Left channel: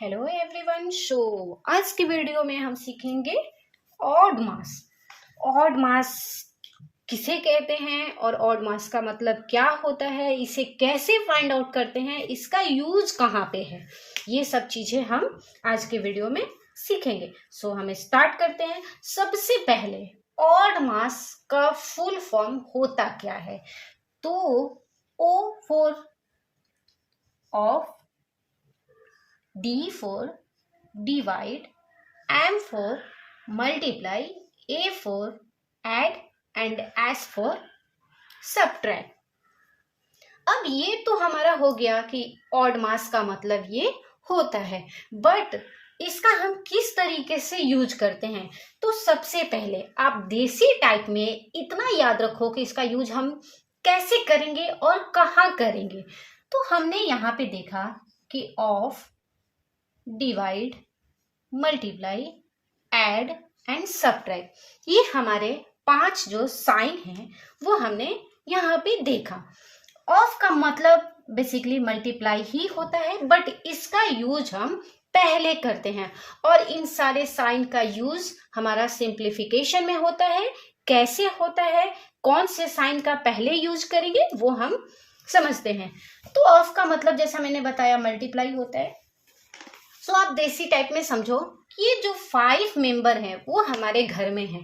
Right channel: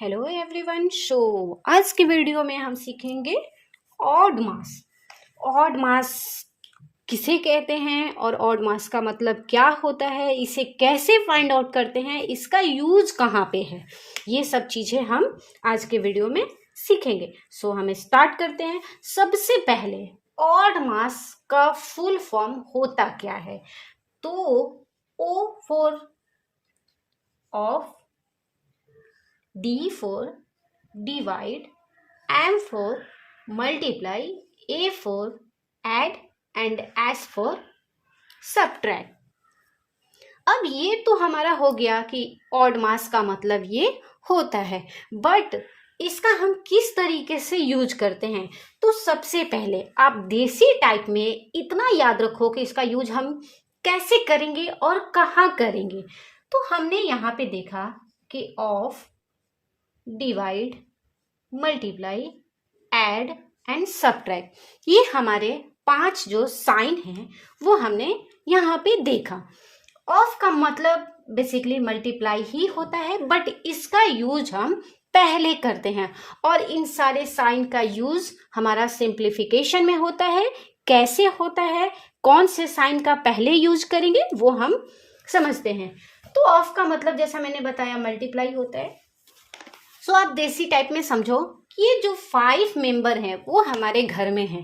Hello everyone. आज की video में हम सीखेंगे ऑड मास। ऑड मास किसे कहते हैं और ऑड मास का मतलब क्या होता है, इसे कैसे फाइंड आउट करते हैं, इसका यूज कहाँ पे है, ये सब चीजें हम आज के वीडियो में सीखेंगे। हमें स्टार्ट करते हैं। सबसे पहले ऑड मास का फुल फॉर्म होता क्या है? तो O for of, D for divide, M for multiply, A for add and S for subtract। अब ये तो हमारा हो गया कि ऑड मास का मतलब ये होता है, बट इसका हम किस तरीके से यूज करते हैं? तो सबसे पहले आप देसी टाइप में इतना याद रखो कि इसका यूज हम कैसे करेंगे और कहाँ करेंगे। तो हमने यहाँ पे देखा कि of, divide, multiply, add and subtract, ये हमारे 5 जो साइन हैं वो हमने यहाँ पे देखा। ऑफ का मतलब बेसिकली मल्टीप्लाई ही होता है, बट इसका यूज हम पहले करते हैं और इन सारे साइन का यूज हमारा सिंप्लीफिकेशन में होता है। कैसे होता है, कौन से साइन का पहले यूज करेंगे वो हम समझते हैं। तो ऑफ का मतलब जैसा मैंने बताया मल्टीप्लाई होता है। आप देसी टाइप में समझो कि ये जो 5 मेंबर हैं वो हमारे घर में हैं।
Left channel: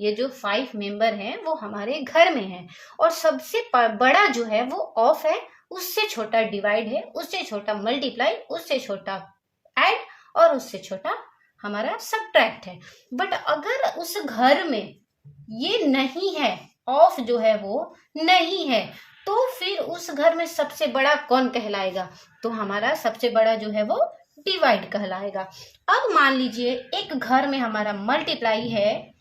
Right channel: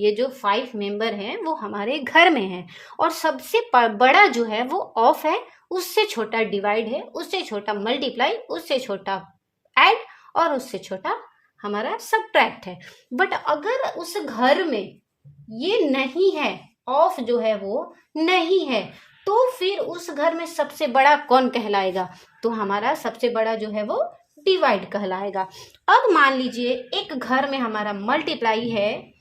ये जो 5 मेंबर हैं वो हमारे घर में हैं और सबसे बड़ा जो है वो ऑफ है, उससे छोटा डिवाइड है, उससे छोटा मल्टीप्लाई, उससे छोटा ऐड और उससे छोटा हमारा सब्ट्रैक्ट है। बट अगर उस घर में ये नहीं है, ऑफ जो है वो नहीं है, तो फिर उस घर में सबसे बड़ा कौन कहलाएगा? तो हमारा सबसे बड़ा जो है वो डिवाइड कहलाएगा। अब मान लीजिए एक घर में हमारा मल्टीप्लाई है,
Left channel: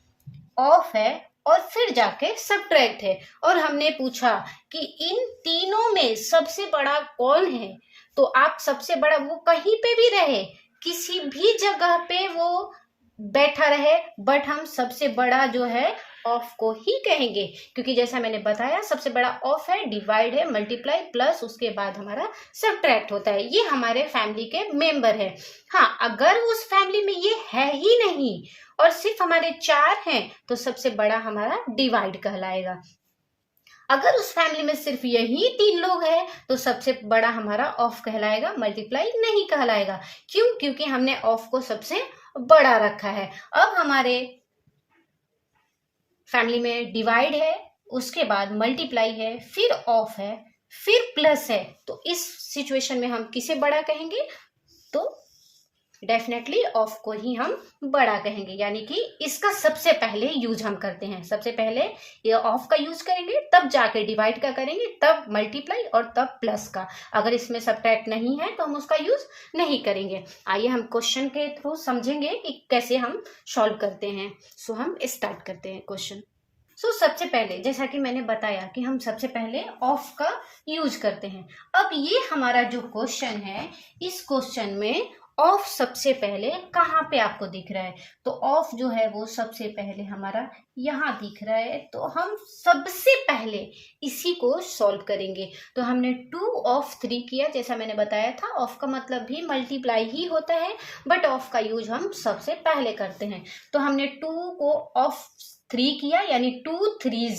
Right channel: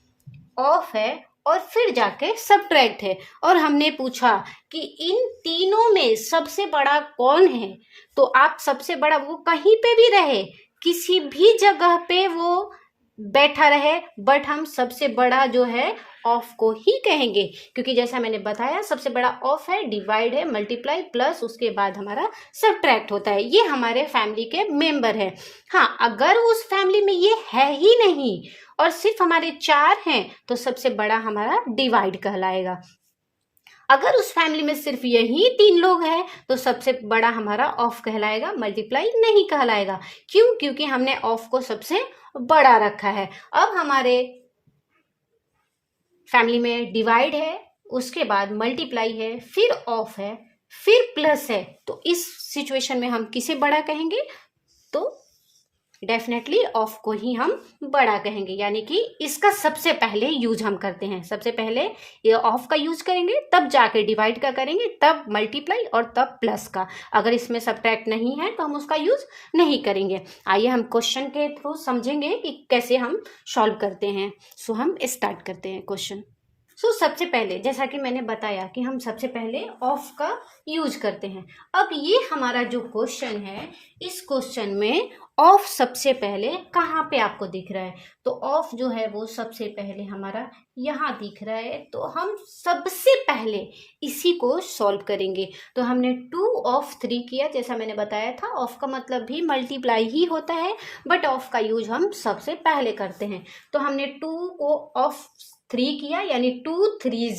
ऑफ है और फिर जाके सब्ट्रैक्ट है, और हमने पूछा कि इन तीनों में सबसे बड़ा कौन है। तो आप सबसे बड़ा वो कहीं पे भी रहे, किसी भी जगह पे वो बैठा रहे, बट हम सबसे बड़ा जो है ऑफ को ही कहेंगे, क्योंकि जैसा मैंने बताया सबसे बड़ा ऑफ है, डिवाइड है, मल्टीप्लाई प्लस उसके बाद हमारा सब्ट्रैक्ट होता है। ये हमारे फैमिली के मेंबर है। हाँ, अगर उस फैमिली में ये है ही नहीं और सिर्फ हमारे 4 हैं तो सबसे बड़ा हमारा डिवाइड कहलाएगा। अगर उस फैमिली में सिर्फ यही 3 लोग हैं तो सबसे बड़ा हमारा ऑफ कहलाएगा, मल्टीप्लाई नहीं कहलाएगा। क्यों? क्योंकि हमने ऑफ को सबसे बड़ा रखा है। अब हमारे फैमिली में डिवाइड है, उसके बाद मल्टीप्लाई है, फिर ऑफ है, फिर प्लस है, तो इस सिचुएशन में हम किसे बड़ा कहेंगे? तो डेफिनेटली ऑफ को ही हम बड़ा कहेंगे, यानी कि इसका सबसे पहले यूज हम करते हैं। सबसे पहले ये ऑफ का यूज करेंगे, तब जाके डिवाइड का करेंगे, तब मल्टीप्लाई और तब प्लस का। अगर इसमें सब्ट्रैक्ट नहीं है तो हम उसका यूज नहीं करेंगे। आइए हम क्वेश्चन के थ्रू समझेंगे कि कैसे हम सॉल्व करते हैं। हम स्टार्ट करते हैं क्वेश्चन। सबसे पहले जैसा कि मैंने बताया कि हम सबसे पहले ऑफ का यूज करते हैं। अब ये हमारा जो क्वेश्चन है, इस क्वेश्चन में ऑफ सबसे पहले कहाँ पे आपको दिख रहा है? तो ऑफ जो है वो सबसे पहले हमारा यहाँ दिख रहा है, तो हम सबसे पहले इसी को सॉल्व करेंगे। तो हमने 2 ऑफ 3 किया, जैसा मैंने बताया था ऑफ का मतलब भी मल्टीप्लाई ही होता है, बट ऑफ का यूज हम सबसे पहले करते हैं। तो हमने 2 को ऑफ 3 किया, यानी 2 3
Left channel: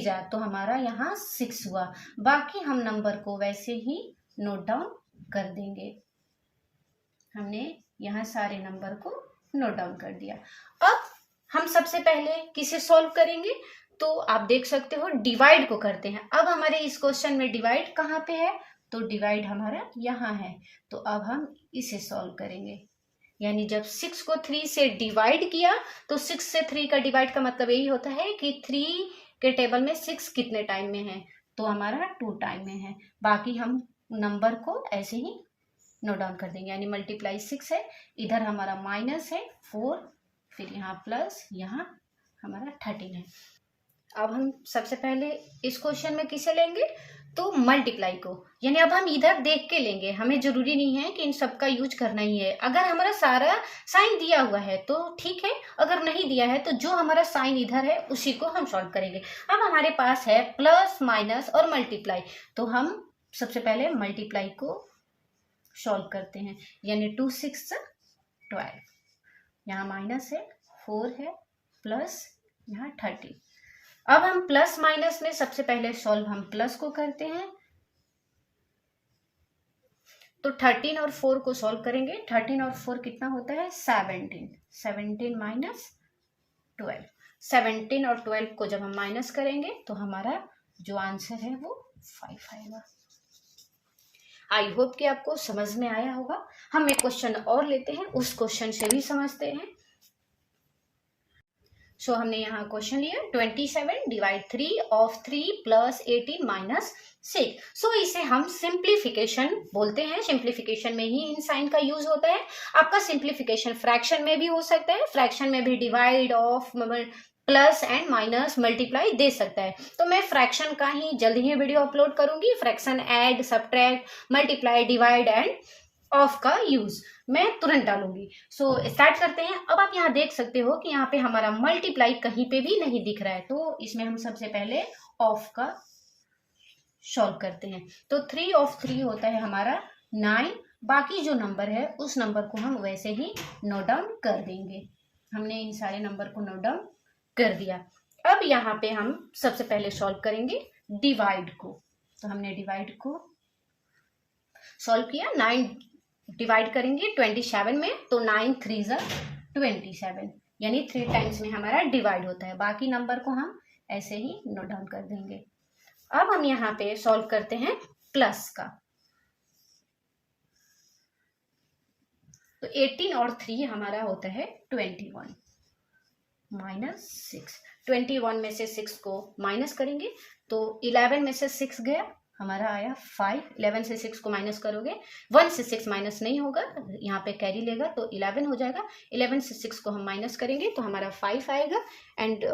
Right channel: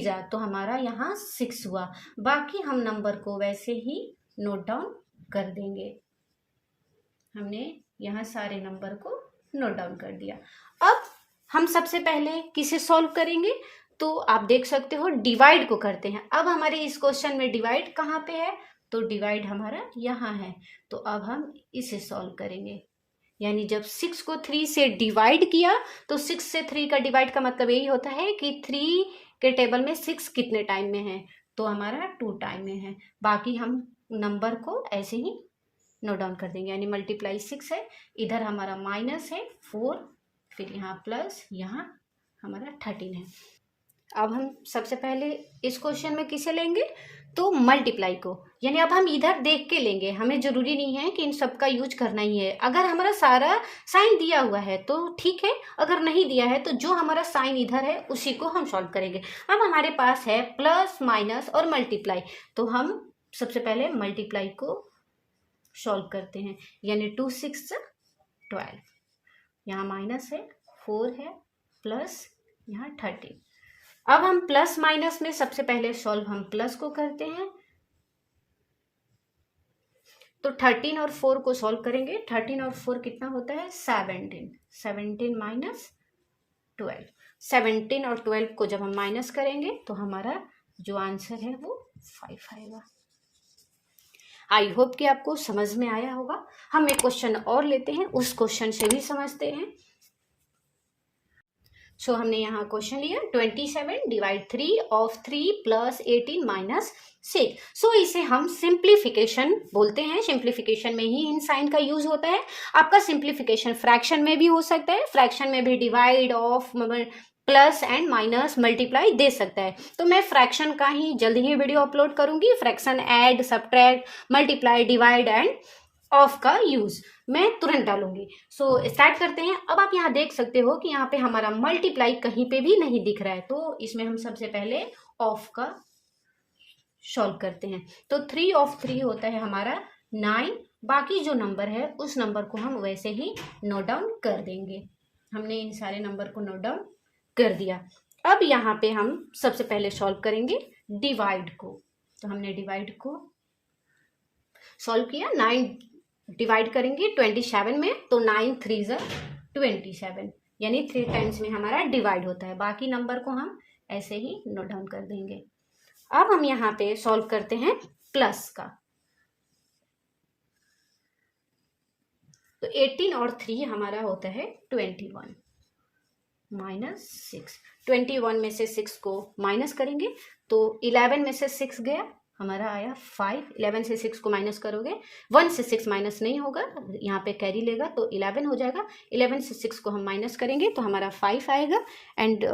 जा, तो हमारा यहाँ 6 हुआ। बाकी हम नंबर को वैसे ही नोट डाउन कर देंगे। हमने यहाँ सारे नंबर को नोट डाउन कर दिया। अब हम सबसे पहले किसे सॉल्व करेंगे? तो आप देख सकते हो डिवाइड को करते हैं। अब हमारे इस क्वेश्चन में डिवाइड कहाँ पे है? तो डिवाइड हमारा यहाँ है, तो अब हम इसे सॉल्व करेंगे। यानी जब 6 को 3 से डिवाइड किया, तो 6 से 3 का डिवाइड का मतलब यही होता है कि 3 के टेबल में 6 कितने टाइम में है? तो हमारा 2 टाइम में है। बाकी हम नंबर को ऐसे ही नोट डाउन कर देंगे, यानी मल्टीप्लाई 6 है, इधर हमारा माइनस है 4, फिर यहाँ प्लस, यहाँ हमारा 13 है। अब हम सबसे पहले इस क्वेश्चन में किसे लेंगे? तो मल्टीप्लाई को, यानी अब हम इधर देख के लेंगे। हमें जरूरी नहीं है कि इन सब का यूज करना ही है। अगर हमारा सारा साइन दिया हुआ है तो ठीक है, अगर नहीं दिया है तो जो हमारा साइन इधर है उसी को हम सॉल्व करेंगे। अब हमारे पास है प्लस, माइनस और मल्टीप्लाई, तो हम सबसे पहले मल्टीप्लाई को सॉल्व करते हैं, यानी 2 6 12, यहाँ माइनस है, 4 है, प्लस यहाँ 13। अब हम प्लस माइनस में सबसे पहले सॉल्व हम प्लस को करते हैं, तो 13 और 4 को सॉल्व करेंगे। 13 और 4 कितना होता है 17, 17 माइनस 12, 17 और 12 को जब हम माइनस करेंगे तो हमारा जो आंसर है वो 5 आएगा। आई होप कि आपको समझ में आया होगा। हम एक क्वेश्चन और लेते हैं, उस क्वेश्चन से भी समझते हैं। सो हमने यहाँ क्वेश्चन लिया 27 डिवाइड 3 ऑफ 3 प्लस 18 माइनस 6। सो इसे हम सिंप्लीफिकेशन बोलते हैं। सिंप्लीफिकेशन में ही इन साइन का यूज होता है। आपका सिंप्लीफिकेशन फ्रैक्शन में भी हो सकता है, फ्रैक्शन में भी divide of plus and minus multiply दे सकता है। तो मैं फ्रैक्शन का ही जल्द ही वीडियो अपलोड करूंगी। Fraction, add, subtract, multiply, divide and of का यूज मैं तुरंत डालूंगी। सो स्टार्ट करते हैं। अब आप यहाँ देख सकते हो कि यहाँ पे हमारा मल्टीप्लाई कहीं पे भी नहीं दिख रहा है, तो इसमें हम सबसे पहले ऑफ का सॉल्व करते हैं। तो 3 ऑफ 3 होता है हमारा 9। बाकी जो नंबर है उस नंबर को हम वैसे ही नोट डाउन कर देंगे। हमने इन सारे नंबर को नोट डाउन कर दिया। अब यहाँ पे हम सबसे पहले सॉल्व करेंगे डिवाइड को। तो हमने डिवाइड को सॉल्व किया, 9 डिवाइड करेंगे 27 में, तो 9 3 ज़ा 27, यानी 3 टाइम्स में हमारा डिवाइड होता है। बाकी नंबर को हम ऐसे ही नोट डाउन कर देंगे। अब हम यहाँ पे सॉल्व करते हैं प्लस का। तो 18 और 3 हमारा होता है 21 माइनस 6। 21 में से 6 को माइनस करेंगे तो 11 में से 6 गया, हमारा आया 5। 11 से 6 को माइनस करोगे, 1 से 6 माइनस नहीं होगा, यहाँ पे कैरी लेगा तो 11 हो जाएगा। 11 से 6 को हम माइनस करेंगे तो हमारा 5 आएगा। एंड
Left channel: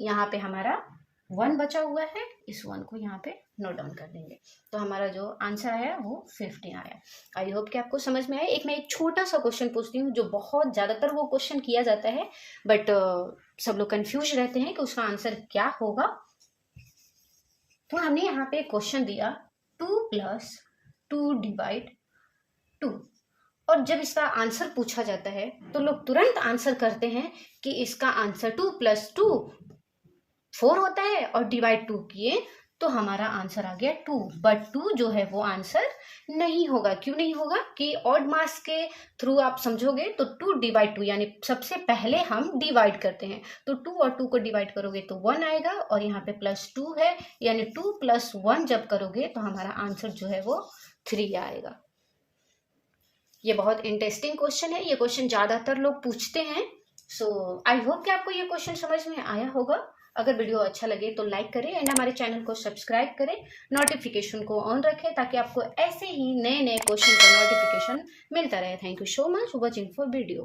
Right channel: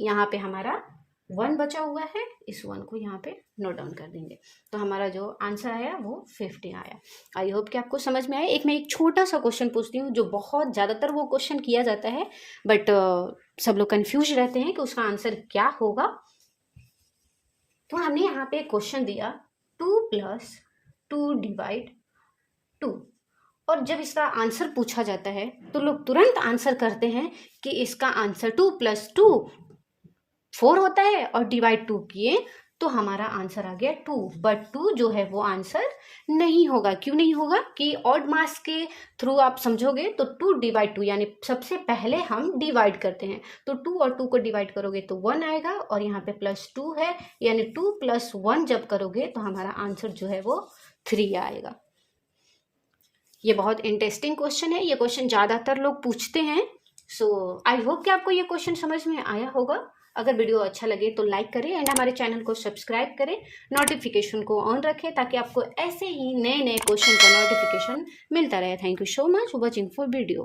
यहाँ पे हमारा 1 बचा हुआ है, इस 1 को यहाँ पे नोट डाउन कर देंगे। तो हमारा जो आंसर आया वो 50 आया। आई होप कि आपको समझ में आया। मैं एक छोटा सा क्वेश्चन पूछती हूँ, जो बहुत ज़्यादातर वो क्वेश्चन किया जाता है, बट सब लोग कंफ्यूज रहते हैं कि उसका आंसर क्या होगा। तो हमने यहाँ पे क्वेश्चन दिया 2 + 2 डिवाइड 2, और जब इसका आंसर पूछा जाता है तो लोग तुरंत आंसर करते हैं कि इसका आंसर 2 + 2 4 होता है, और डिवाइड 2 किए तो हमारा आंसर आ गया 2। बट 2 जो है वो आंसर नहीं होगा। क्यों नहीं होगा कि ऑड मास के थ्रू आप समझोगे तो 2 डिवाइड 2, यानी सबसे पहले हम डिवाइड करते हैं, तो 2 और 2 को डिवाइड करोगे तो 1 आएगा, और यहाँ पे +2 है, यानी 2 + 1 जब करोगे तो हमारा आंसर जो है वो 3 आएगा। ये बहुत इंटरेस्टिंग क्वेश्चन है। ये क्वेश्चन ज़्यादातर लोग पूछते हैं। सो आई होप कि आपको ये क्वेश्चन समझ में आया होगा। अगर वीडियो अच्छा लगे तो लाइक करें एंड हमारे चैनल को सब्सक्राइब करें, नोटिफिकेशन को ऑन रखें ताकि आपको ऐसे ही नए नए क्वेश्चन का नोटिफिकेशन मिलता रहे। Thank you so much for watching for video.